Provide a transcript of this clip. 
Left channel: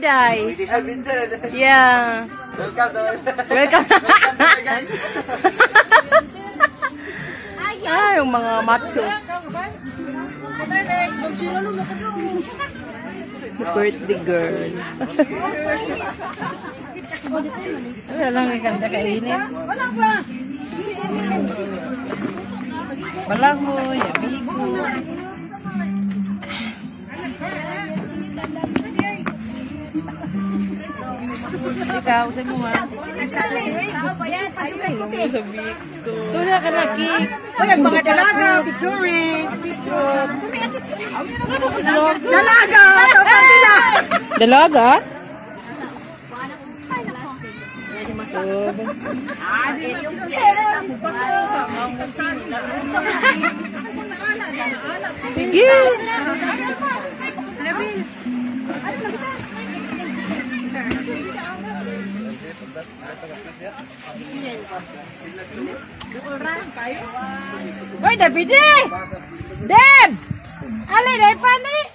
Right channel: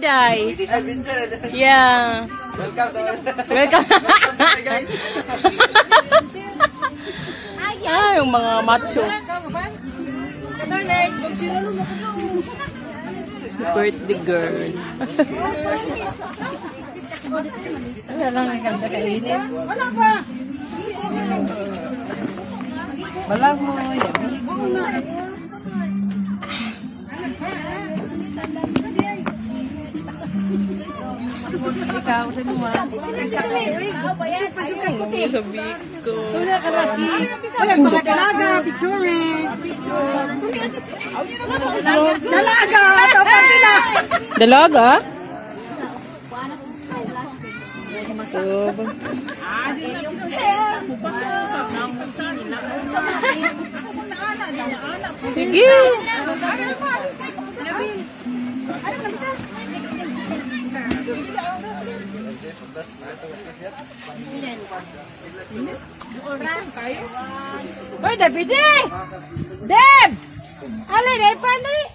Day. Yeah. Welcome. Guys. Ah, yung mga macho. Birthday girl. Ay, lang yung ganda kainin. Balango, yummy. Ikaw, sa mga. Sabi ko. Tura ka lagi. Uy, ang mga dalaga, picture. Dalaga, tapang nila. Dalaga? Sige. Uy, David eh! Deb! Alay, Deb, paano eh?